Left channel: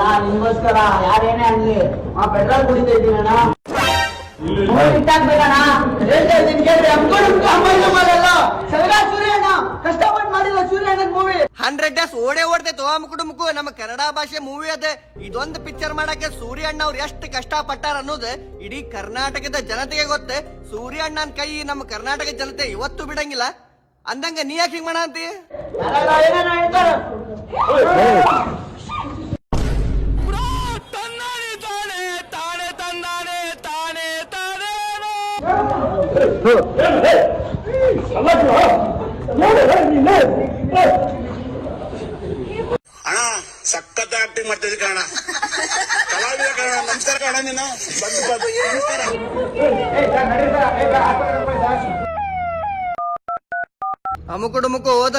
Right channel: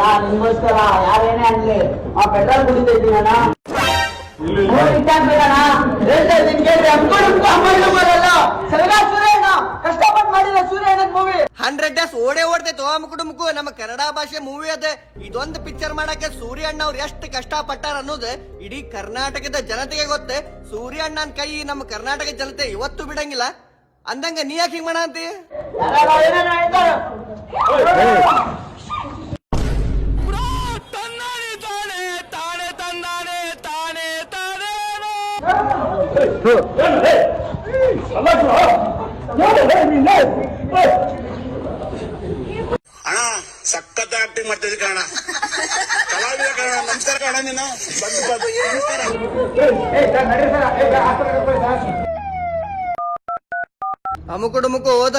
ನಾನ್ ನಿಮ್ಗೋಸ್ಕರ ಯಾರೇನೇ ಅನ್ಲಿ ಆ ಪೆಟ್ರೋಲ್ ಕುಡಿತಾ ಇದ್ದೀನಣ್ಣ. ಕಷ್ಟಪಟ್ಟು ಮಾಡಿಲ್ಲ ಸೂರ್ಯ ಮೂವಿ 100 ಡೇಸ್ ಓಡೇ ಓಡ್ತೈತೆ ಮುಕ್ಕು ನಮ್ಮ ಕನ್ನಡ ಭಾಷೆ ಮೂವಿ ಅದ. ಇದೊಂದು ಪಿಕ್ಚರ್ ಮಾಡಕ್ಕೆ ಸೂರ್ಯ ಅಣ್ಣ ಅವ್ರು ಎಷ್ಟು ಕಷ್ಟ ಪಟ್ಟಾರ ಅನ್ನೋದು ಇಡೀ ಕರ್ನಾಟಕದ ಜನತೆಗೆ ಗೊತ್ತೆ. ಸೂರ್ಯ ಅಣ್ಣನ ಕೈ ನಮ್ಮ ಕರ್ನಾಟಕ ಜನತೆ ಇವತ್ತು ಬಿಡಂಗಿಲ್ಲ. ಅಂದಂಗ ನೀ ಯಾಕೆ ಹಿಂಗ್ ಮಾಡ ಅಂತಿ? ಅಣ್ಣ ಸಖತ್ ಆಕ್ಟಿಂಗ್ ಮಾಡ್ತಿದ್ದೆ ಕಣ, ಕಲಾವಿದ ಕಣ. ನಮಸ್ಕಾರ ಕಣ, ನೀನು ಬಂದು ನಮಸ್ಕಾರ. ಅಮುಕುಡು ಮುಕ್ಕು ಹೋದ